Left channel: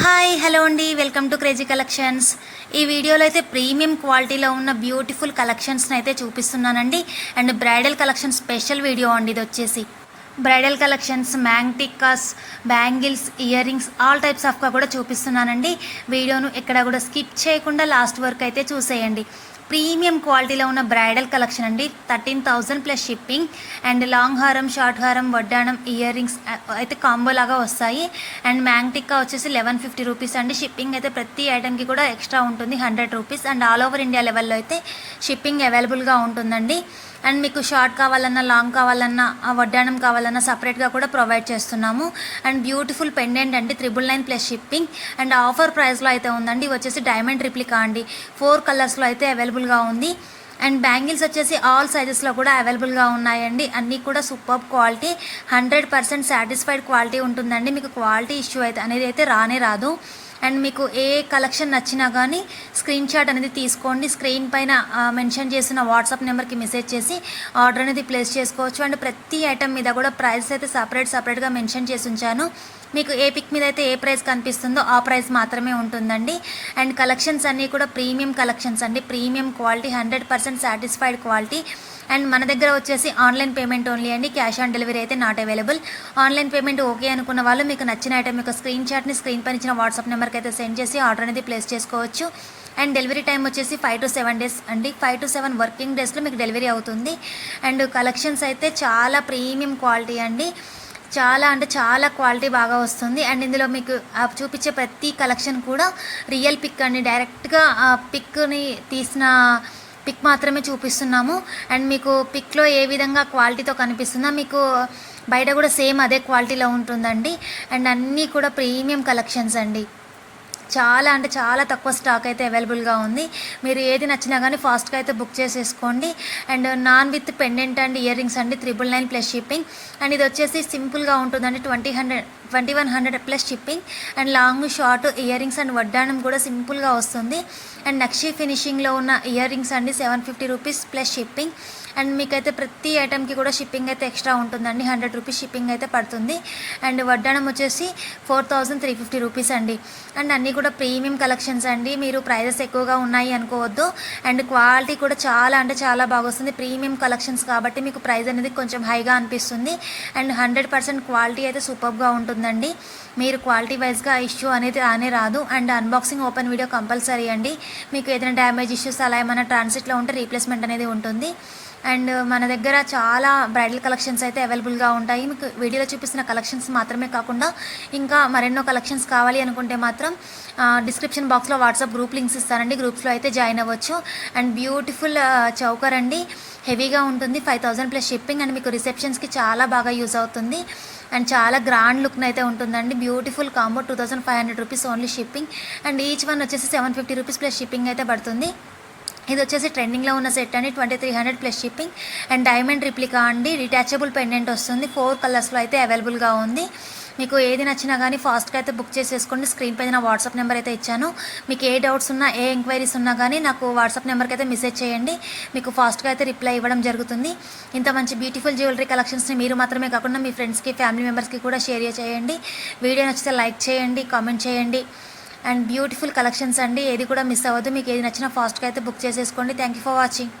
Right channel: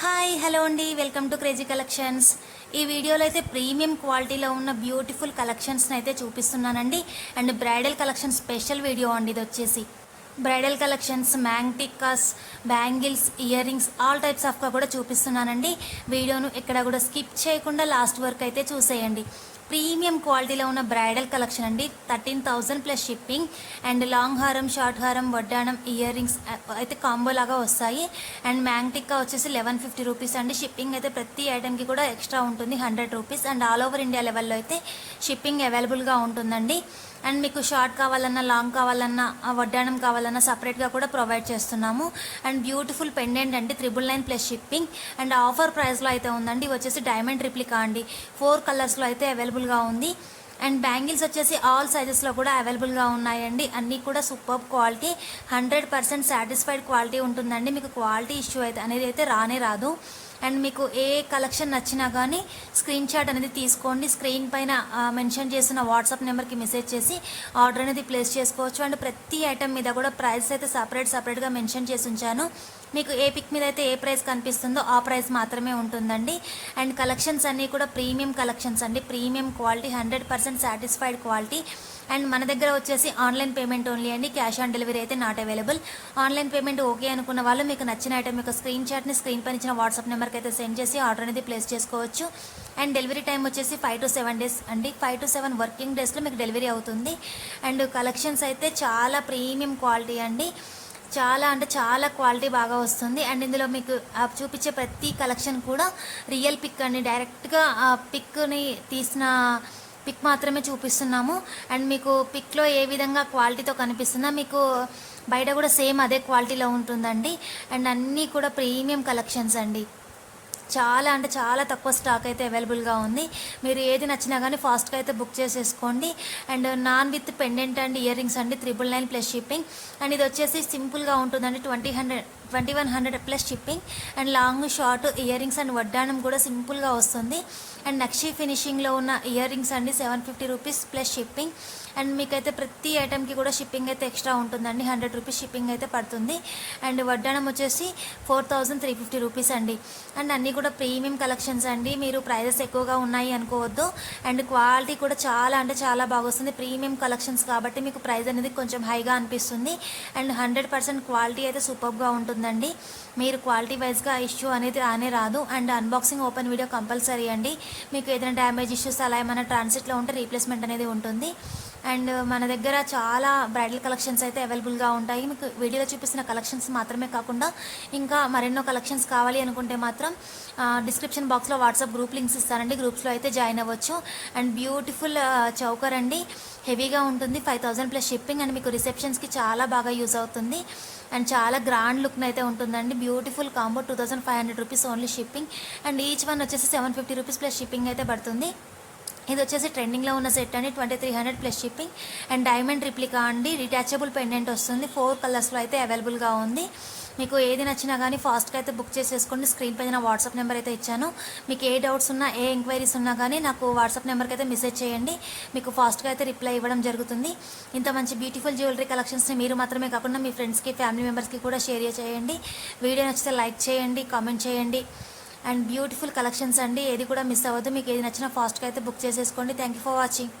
Hi hello అండి, welcome to crazy collections. ఈ వీడియోలో అయితే ప్రీమియం క్వాలిటీలో ఉన్న బ్యూటిఫుల్ కలెక్షన్స్ని అయితే చూపిస్తున్నానండి. And bridal collection special video అండి ఇది వచ్చేసి. బ్రైడల్ కలెక్షన్స్, మ్యాంగ్టిక్కాస్, bangles, earrings, all types ఆఫ్గా కూడా చూపిస్తున్నానండి. వీడియోను ఎక్కడ కూడా స్కిప్ చేయకుండా లాస్ట్ వరకు అయితే చూసేయండి. ప్రీమియం క్వాలిటీలో ఉన్న బ్రైడల్ కలెక్షన్ అండి. 13,000 ప్లస్ షిప్పింగ్. అండ్ లాంగ్ హారం, షార్ట్ హారం, వడ్డాణం, ఇయర్ రింగ్స్ అయితే కాంబో లాగా వస్తాయి. అండ్ మ్యాంగ్టిక్కా వచ్చేసి 1150 రూపీస్ అండి. షిప్పింగ్ అయితే ప్రతి ఐటెంకి కూడా ఎక్స్ట్రా ఉంటుంది, 100 rupees. And all over India లెవెల్లో అయితే షిప్పింగ్ అవైలబుల్గా ఉంటుందండి. అండ్ మీకు షార్ట్ కావాలన్నా, లాంగ్ కావాలన్నా, వడ్డాణం కావాలన్నా సపరేట్గా కూడా ప్రొవైడ్ చేస్తున్నాము. అండ్ బ్యూటిఫుల్ పెండెంట్ అండి, 999 ప్లస్ షిప్పింగ్. అండ్ ఆఫర్ ప్రైస్లో అయితే ఉందండి. వచ్చేసి డైమండ్ రిప్లికా అండి, 4 కలర్స్లో అయితే అవైలబుల్గా ఉంది. అండ్ బ్యాంగిల్స్ వచ్చేసి ఆల్ సైజెస్లో కూడా అవైలబుల్గా ఉన్నాయండి. అన్నీ కూడా సూపర్ క్వాలిటీ, 100% సాటిస్ఫైడ్ క్వాలిటీ ఉంటుందండి. మీకు క్వాలిటీ ఇష్యూ అయితే అనేది అయితే రానే రాదు. అండ్ మీకు ఏ కలెక్షన్ నచ్చినా కానీ స్క్రీన్ షాట్ అనేది తీసుకోండి. స్క్రీన్ పైన మెన్షన్ చేసిన వాట్సాప్ నెంబర్కి మెసేజ్ చేసి ఆర్డర్ అనేది ప్లేస్ చేసుకోవచ్చు. అండ్ ప్రతి ఐటమ్ మీద కూడా ప్రైస్ అయితే సపరేట్గా మెన్షన్ చేసి ఉంచాను. మీకు ఏ పిక్ మీద అయితే ఏ ప్రైస్ కనిపిస్తుందో ఆ ప్రైస్ మాత్రమే ఉంటుందండి. అండ్ కలెక్షన్స్ అన్నీ కూడా ప్రీమియం కలెక్షన్స్ అండి, premium quality, 100% satisfied quality. And మన దగ్గర వచ్చేసి ఆన్లైన్ పేమెంట్ ఓన్లీ అండి, క్యాష్ ఆన్ డెలివరీ అయితే not available. Online payment okay అనుకున్న వాళ్ళు మీకు నచ్చిన ఐటమ్ యొక్క స్క్రీన్ షాట్ని స్క్రీన్ పైన ఇచ్చిన వాట్సాప్ నెంబర్కి అయితే సెండ్ చేసి ఆర్డర్ అనేది ప్లేస్ చేసుకోవచ్చు. అండ్ డెలివరీ టైం వచ్చేసి 5 to 7 డేస్ అండి, 5 to 7 వర్కింగ్ డేస్లో మీకు డెలివరీ అవుతుంది. అండ్ కలెక్షన్స్ అయితే చాలా ప్రీమియం క్వాలిటీ అండి, చాలా అంటే చాలా క్వాలిటీ బాగా వస్తుంది. అండ్ ఇందులో మీకు చూపించే ప్రతి కలెక్షన్ కూడా రియల్ పిక్ అండి, డైరెక్ట్గా ఆ పిక్ని తీసిన పిక్ మాత్రమే చూపిస్తున్నాము. అండ్ మీకు పిక్లో ఏ విధంగా క్వాలిటీతో కనిపిస్తుందో మీకు బయట కూడా సేమ్ అదే క్వాలిటీలో ఉంటుందండి. అండ్ అన్నీ కూడా ప్రీమియం కలెక్షన్స్ అండి, చాలా అంటే చాలా తక్కువ స్టాక్ అయితే అవైలబుల్గా ఉంది. మీరు ఏది నచ్చినా కానీ ఫాస్ట్గా అయితే బుక్ చేసేసుకోండి. And non with pendant and ear rings అండి, 999 ప్లస్ షిప్పింగ్. అండ్ ఇది వచ్చేసి సింపుల్గా ఉంటుందండి, 2100 plus shipping. And long, short, earrings and వడ్డాణం కూడా సింపుల్గా వస్తుంది. అండ్ నక్షి ఫినిషింగ్లో ఉన్న ఇయర్ రింగ్స్ అండి, 750 రూపీస్ ప్లస్ షిప్పింగ్. అండ్ మీకైతే ప్రతి ఐటెంకి కూడా షిప్పింగ్ అయితే ఎక్స్ట్రా ఉంటుందండి, 100 రూపీస్ షిప్పింగ్ అయితే పడుతుంది. అండ్ వడ్డాణం వచ్చేసి 4350 రూపీస్ అండి. అండ్ అన్నీ కూడా ప్రీమియం కలెక్షన్స్ అండి, మీరు ప్రైజెస్ ఎక్కువగా ఉన్నాయి అనుకోవద్దు. అండ్ క్వాలిటీ కూడా చాలా అంటే చాలా బాగా వస్తుంది. ప్రీమియం కలెక్షన్స్ కాబట్టి మీకు ప్రైస్ అనేది కొంచెం హైగా అనిపిస్తుంది. అండ్ 100% క్వాలిటీ అయితే సూపర్గా ఉంటుందండి. మీరు క్వాలిటీ వైజ్గా ఇష్యూ అనేది రానే రాదు. And unboxing open video compulsory అండి. మీకు ఏదైనా డ్యామేజ్ ఇష్యూస్ అలా ఏమైనా ట్రాన్సిట్లో ఉంటే రీప్లేస్మెంట్ అనేది ఉంటుంది. అండ్ మన దగ్గర చాలా బ్రైడల్ కలెక్షన్స్ అయితే అవైలబుల్గా ఉంటాయి. మీకు వీడియోలో చూపిస్తున్న కలెక్షన్స్ మాత్రమే కాకుండా ఇంకా మరెన్నో కలెక్షన్స్ కావాలి అనుకుంటే మాత్రం డిస్క్రిప్షన్ బాక్స్లో వాట్సాప్ గ్రూప్ లింక్స్ ఇస్తానండి, గ్రూప్స్లో అయితే జాయిన్ అవ్వచ్చు. అండ్ బ్యూటిఫుల్ చౌకర్ అండి, హెవీగా ఉంటుంది, 5000 ప్లస్ షిప్పింగ్. అండ్ మీకు రిసెప్షన్స్కి చాలా బాగా యూజ్ అవుతుంది. అండ్ చాలా గ్రాండ్ లుక్ అయితే ఉంటుందండి. Beautiful combo, 2500 rupees only shipping. And each one వచ్చేసి 750 రూపీస్ ప్లస్ షిప్పింగ్ అయితే పడుతుంది. ఇది వచ్చేసి ట్రెండింగ్లో ఉన్న సెట్ అండి, 2300 plus shipping. And diamond replica అండి, డిటాచబుల్ పెండెంట్ వస్తుంది, 4 కలర్స్లో అయితే అవైలబుల్గా ఉంది. మీకు ఏది నచ్చినా కానీ ఫాస్ట్గా అయితే బుక్ చేసేసుకోండి. స్క్రీన్ పైన నా వాట్సాప్ నెంబర్ అయితే ఇచ్చాను. మీకు ఏ డౌట్స్ ఉన్నా, ఏ ఎంక్వైరీస్ ఉన్నా కానీ నాకు వాట్సాప్ నెంబర్కి అయితే మెసేజ్ చేయండి, మీకు ఫాస్ట్గా అయితే రిప్లై ఇవ్వడం జరుగుతుంది. ఇంత మంచి బ్యూటిఫుల్ జ్యువెలరీ కలెక్షన్స్ని మీరు మాత్రమే కాకుండా మీ ఫ్రెండ్స్కి, ఫ్యామిలీ మెంబర్స్కి కూడా షేర్ చేయండి. వీడియో నచ్చితే లైక్ చేయండి, కామెంట్ చేయండి. అండ్ బ్యూటిఫుల్ కలెక్షన్స్ అండి, ఏది కూడా మిస్ అవ్వద్దు. మీకు ఏది నచ్చినా ఫాస్ట్గా అయితే బుక్ చేసేసుకోండి. Thank you for watching.